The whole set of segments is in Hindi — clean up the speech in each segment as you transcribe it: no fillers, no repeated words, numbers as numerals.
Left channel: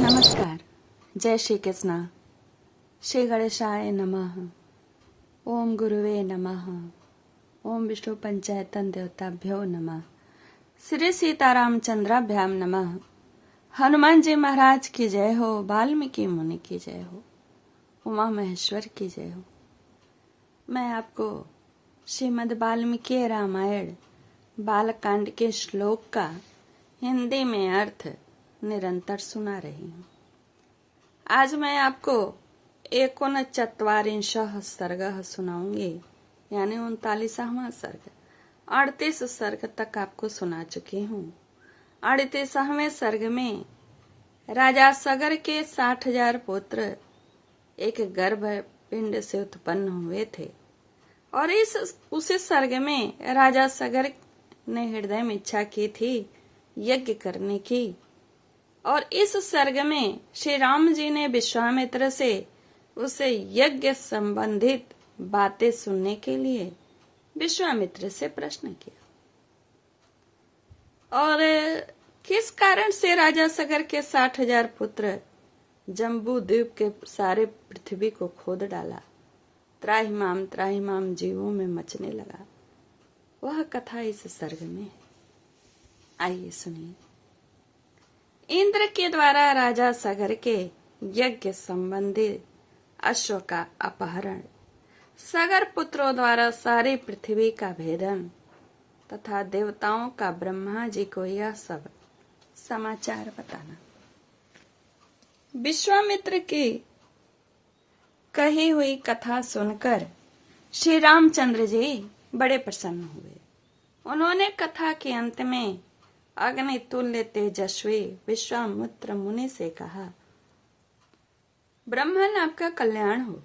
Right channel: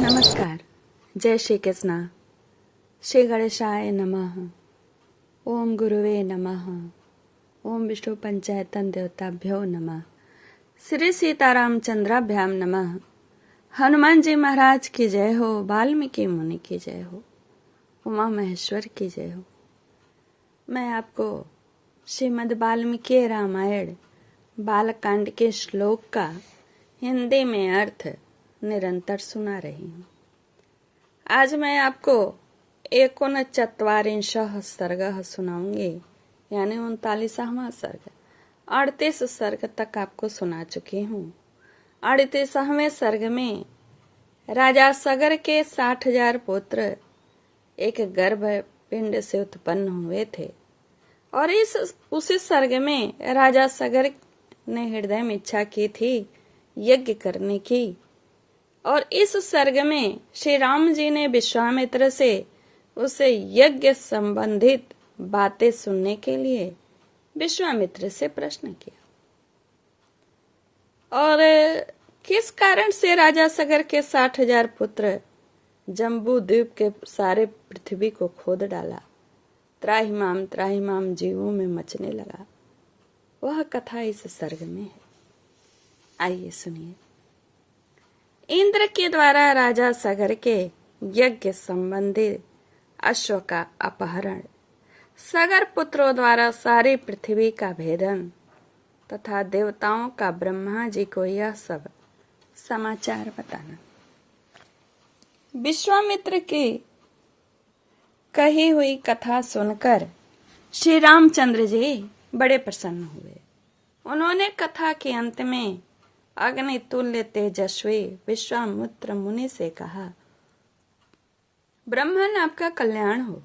नमस्कार। जय श्री कृष्ण। श्री गणेशाय नमः। ओम गुरुवे नमः। ओम विष्णु पंचायतन देवताभ्यो नमः। श्री सीतारामचंद्राभ्याम नमः। हनुमान जी महाराज की जय हो। वाल्मीकि मुनि की जय हो। उमा महेश्वर की जय हो। मैं आपको श्रीमद् वाल्मीकि रामायण बालकांड के श्लोक का हिंदी में अर्थ निरंतर सुना रही हूँ। आज मैं आपको 39वां सर्ग सुनाऊंगी, यानी 39वां सर्ग। 38 सर्ग तक आपको सुना चुकी हूँ। 38वें सर्ग में राजा सगर के 60,000 पुत्र एक गर्भ पिंड से उत्पन्न हुए थे, और उसी सर्ग में राजा सगर ने हृदय में इच्छा की थी यज्ञ करने की। और इस सर्ग में श्री राम जी ने विश्वामित्र से उसे यज्ञ संबंधित बातें सुनने के लिए विश्वामित्र से प्रश्न किया, और किस कारण से राजा सगर के 60,000 पुत्र जम्बू द्वीप के सारे पृथ्वी को खोद डाला, त्राहिमाम जीवों में मचने लगा। वह कथा इस सर्ग में है। आइए सुनिए। इंद्र के द्वारा राजा सगर के यज्ञ संबंधी अश्व का अपहरण, सगर पुत्रों द्वारा सारी पृथ्वी का भेदन तथा देवताओं का ब्रह्मा जी को यह सब समाचार बताना। विश्वामित्र की कही हुई कथा सुनकर श्री रामचंद्र जी बड़े प्रसन्न हुए। उन्होंने कथा के अंत में अग्नि तुल्य तेजस्वी विश्वामित्र मुनि से कहा, ब्राह्मण आपका कल्याण हो।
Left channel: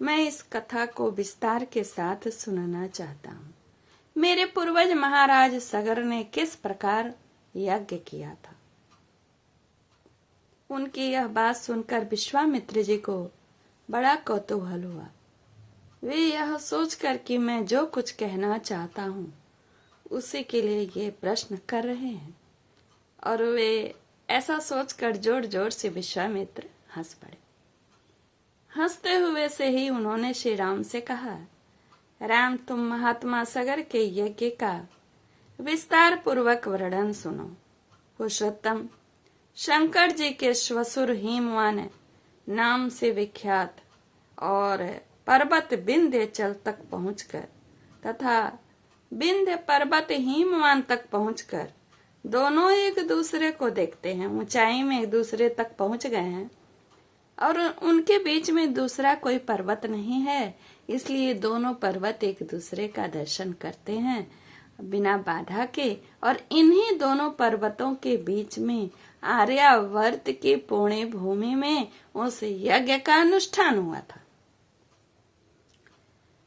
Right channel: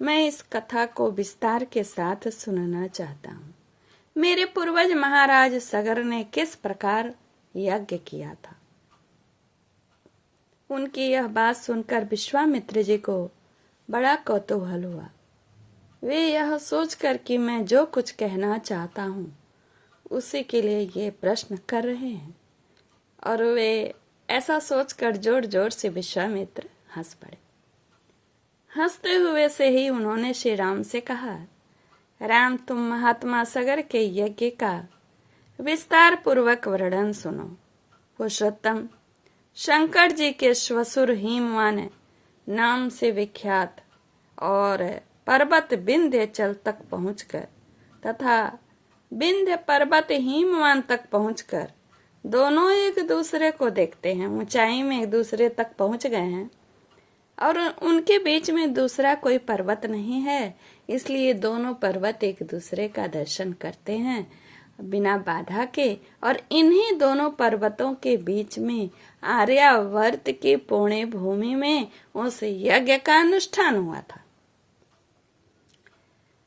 मैं इस कथा को विस्तार के साथ सुनना चाहता हूँ। मेरे पूर्वज महाराज सगर ने किस प्रकार यज्ञ किया था। उनकी यह बात सुनकर विश्वामित्र जी को बड़ा कौतूहल हुआ। वे यह सोचकर कि मैं जो कुछ कहना चाहता हूँ उसी के लिए ये प्रश्न कर रहे हैं, और वे ऐसा सोचकर जोर जोर से विश्वामित्र हंस पड़े। हंसते हुए से ही उन्होंने श्री राम से कहा, राम, तुम महात्मा सगर के यज्ञ का विस्तार पूर्वक वर्णन सुनो। पुरुषोत्तम शंकर जी के श्वसुर हिमवान नाम से विख्यात और पर्वत विंध्याचल तक पहुंचकर तथा विंध्य पर्वत हिमवान तक पहुंचकर दोनों एक दूसरे को देखते हैं। ऊंचाई में एक दूसरे तक पहुंच गए हैं और उनके बीच में दूसरा कोई पर्वत नहीं है, इसलिए दोनों पर्वत एक दूसरे का दर्शन करते हैं बिना बाधा के। और इन्हीं दोनों पर्वतों के बीच में आर्यावर्त की पुण्य भूमि में उस यज्ञ का अनुष्ठान हुआ था।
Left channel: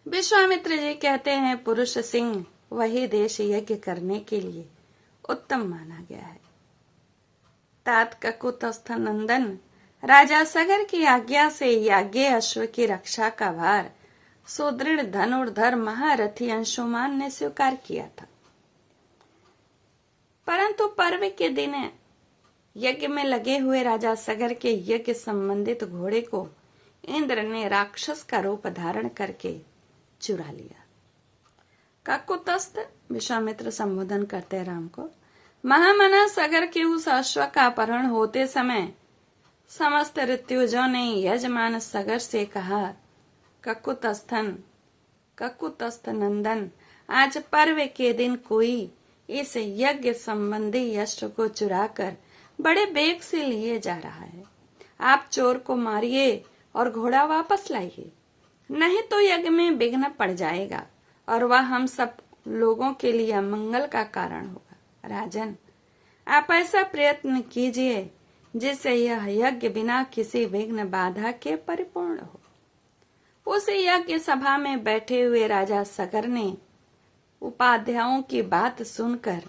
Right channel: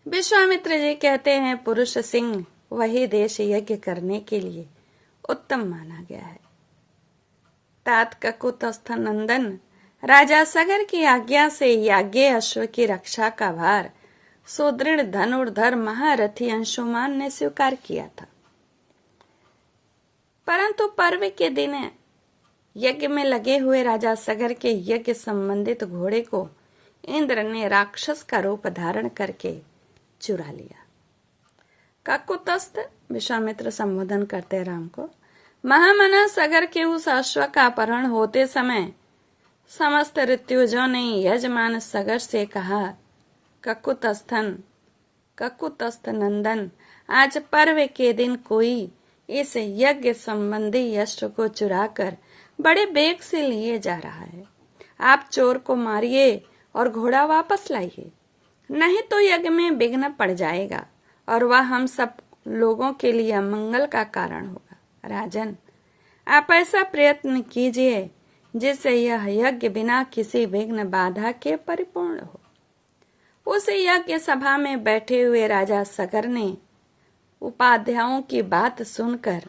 विश्वामित्र जी कहते हैं, पुरुष सिंह वही देश यज्ञ करने के लिए उत्तम माना गया है। तात ककुतस्थ नंदन राजा सगर की आज्ञा से याज्ञ अश्व की रक्षा का भार सुदृढ़ धनुर्धर महारथी अंशुमान ने स्वीकार किया था। परंतु पर्व के दिन यज्ञ में लगे हुए राजा सगर के यज्ञ संबंधित घोड़े को इंद्र ने राक्षस का रूप धारण करके चुरा लिया। ककुतस्थ विश्वामित्र संबोधन करते राम को, महामना सगर के उस अश्व का अपहरण होते समय समस्त ऋत्विजों ने यजमान सगर से कहा, ककुतस्थ नंदन, आज पर्व के दिन कोई इस यज्ञ संबंधी अश्व को चुराकर बड़े बेग से लिए जा रहा है। आप चोर को मारिए और घोड़ा वापस लाइए, नहीं तो यज्ञ में विघ्न पड़ जाएगा और वह हम सब लोगों के लिए अमंगल का कारण होगा। राजन, आप ऐसा प्रयत्न कीजिए जिससे यह यज्ञ बिना किसी विघ्न बाधा के परिपूर्ण हो। उस यज्ञ सभा में बैठे हुए राजा सगर ने उपाध्यायों की बात सुनकर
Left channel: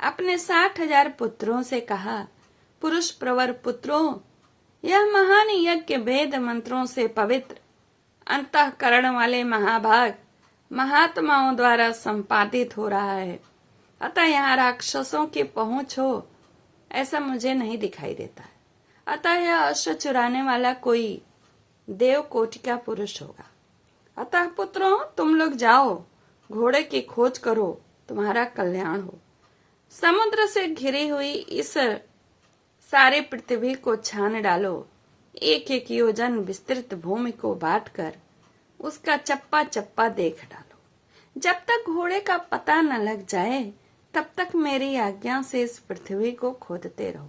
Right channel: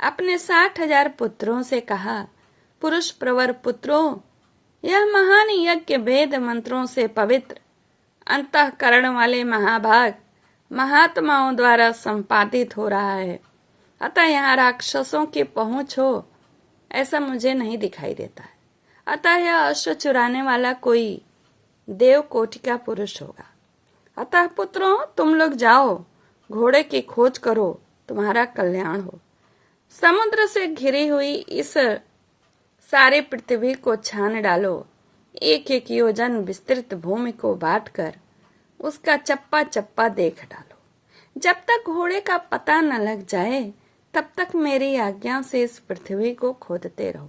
अपने 60,000 पुत्रों से कहा, पुरुष प्रवर पुत्रों, यह महान यज्ञ वेद मंत्रों से पवित्र अंतःकरण वाले महाभाग महात्माओं द्वारा संपादित हो रहा है, अतः यहाँ राक्षसों की पहुंच हो ऐसा मुझे नहीं दिखाई देता है। अतः यह अश्व चुराने वाला कोई देव कोटि का पुरुष होगा। अतः पुत्रों, तुम लोग जाओ, घोड़े की खोज करो, तुम्हारा कल्याण हो। समुद्र से घिरी हुई इस सारी पृथ्वी को छान डालो, एक एक योजन विस्तृत भूमि को बांटकर उसका चप्पा चप्पा देख डालो। जब तक घोड़े का पता न लग जाए तब तक मेरी आज्ञा से इस पृथ्वी को खोदते रहो।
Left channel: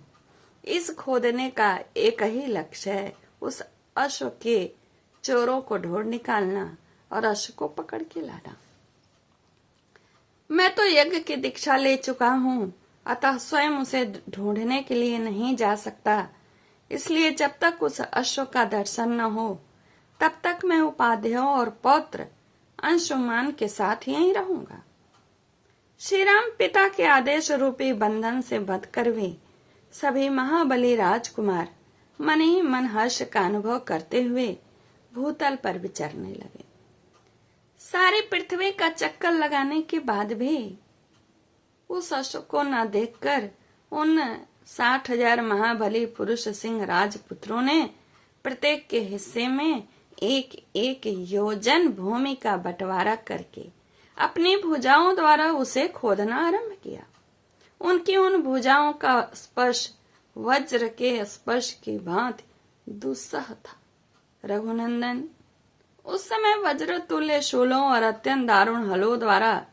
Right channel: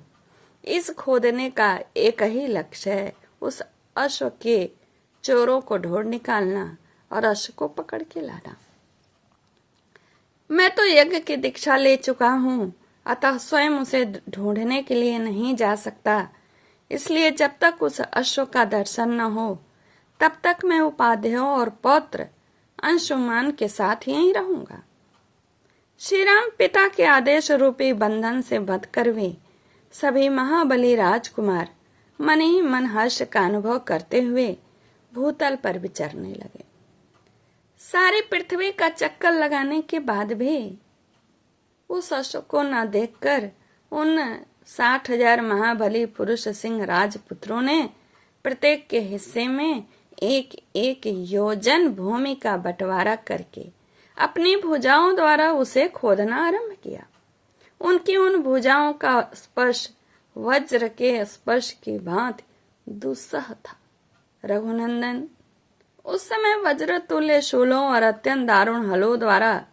इस खोदने का एक ही लक्ष्य है, उस अश्व के चोरों को ढूंढ निकालना और अश्व को पकड़ के लाना। मैं तो यज्ञ की दीक्षा ले चुका हूँ, अतः स्वयं उसे ढूंढने के लिए नहीं जा सकता। इसलिए जब तक उस अश्व का दर्शन न हो तब तक मैं उपाध्यायों और पौत्र अंशुमान के साथ यहीं रहूंगा। श्री राम पिता के आदेश रूपी बंधन से बंधकर वे सभी महाबली राजकुमार मन ही मन हर्ष का अनुभव करते हुए भूतल पर विचरने लगे। सारी पृथ्वी का चक्कर लगाने के बाद भी उस अश्व को न देखकर उन 60,000 महाबली पुरुष सिंह राजपुत्रों ने प्रत्येक के हिस्से में एक एक योजन भूमि का बंटवारा करके अपनी भुजाओं द्वारा उसे खोदना आरंभ किया। उनकी उन भुजाओं का स्पर्श वज्र के स्पर्श की भांति दुस्सह था। रघुनंदन, उस समय वज्र तुल्य शूलों और अत्यंत दारुण हलों द्वारा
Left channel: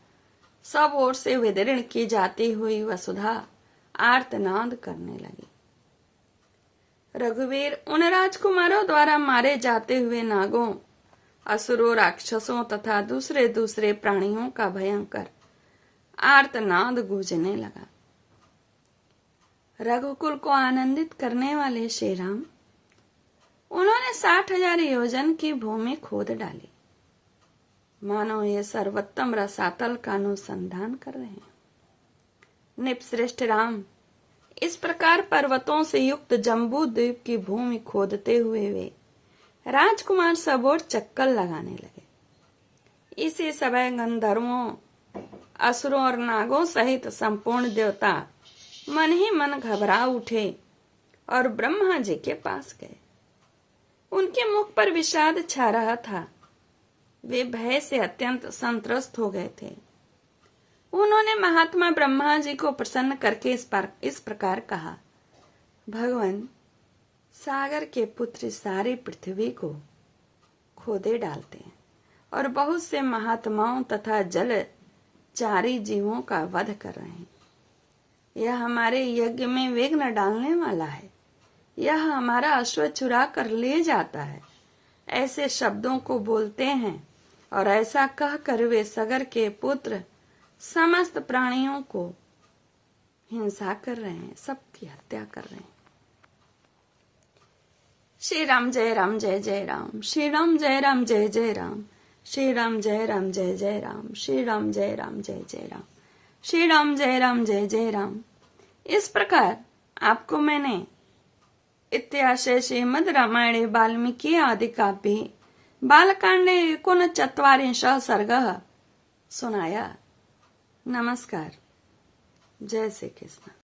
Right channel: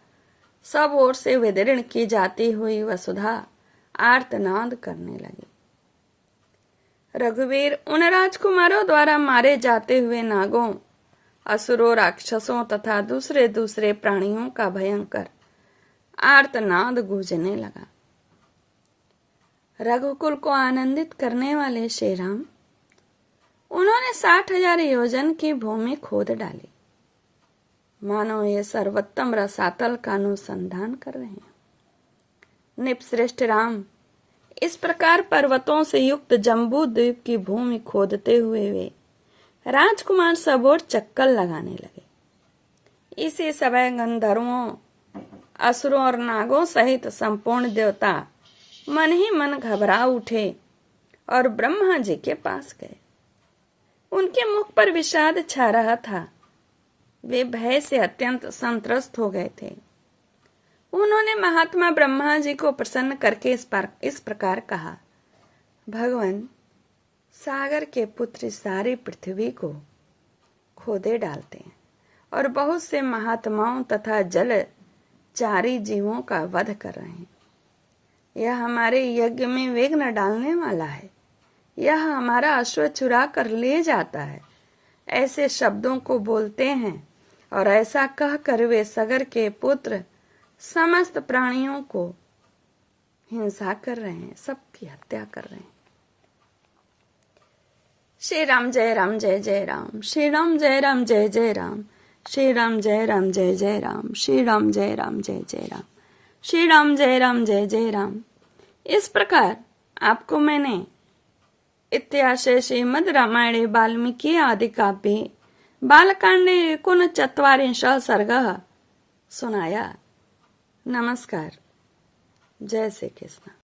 सब ओर से विदीर्ण की जाती हुई वसुधा आर्तनाद करने लगी। रघुवीर उन राजकुमारों द्वारा मारे जाते हुए नागों, असुरों, राक्षसों तथा दूसरे दूसरे प्राणियों का भयंकर आर्तनाद गूंजने लगा। रघुकुल को आनंदित करने वाले श्री राम, उन्होंने 60,000 योजन की भूमि खोद डाली, मानो ये सर्वोत्तम रसातल का अनुसंधान कर रहे हैं। निपश्रेष्ठ राम, इस प्रकार पर्वतों से युक्त जम्बू द्वीप की भूमि खोदते हुए वे राजकुमार सब ओर चक्कर लगाने लगे। इसी समय गंधर्वों, असुरों और नागों सहित संपूर्ण देवता मन ही मन घबरा उठे और ब्रह्मा जी के पास गए। उनके मुख पर विषाद छा रहा था। वे भय से अत्यंत संत्रस्त हो गए थे। उन्होंने महात्मा ब्रह्मा जी को प्रसन्न करके इस प्रकार कहा, भगवान, सागर के पुत्र सारी पृथ्वी को खोदे डालते हैं और बहुत से महात्माओं तथा जलचारी जीवों का वध कर रहे हैं। यह हमारे यज्ञ में विघ्न डालने वाला है। यह हमारा अश्व चुरा कर ले जाता है। ऐसे शब्दों को बोलते हैं और ऐसा कहकर वे सागर के पुत्र समस्त प्राणियों को हिंसा कर रहे हैं, सबकी हत्या कर रहे हैं। श्री राम जय राम जय जय राम, श्री राम जय राम जय जय राम, श्री राम जय राम जय जय राम, श्री राम जय राम जय जय राम, श्री राम जय राम जय जय राम। इस प्रकार आपको मैंने इत्याशय श्रीमद् रामायणे वाल्मीकि आदि काव्ये बालकांडे 39 सर्गः सुनाया। नमस्कार। जय श्री कृष्ण।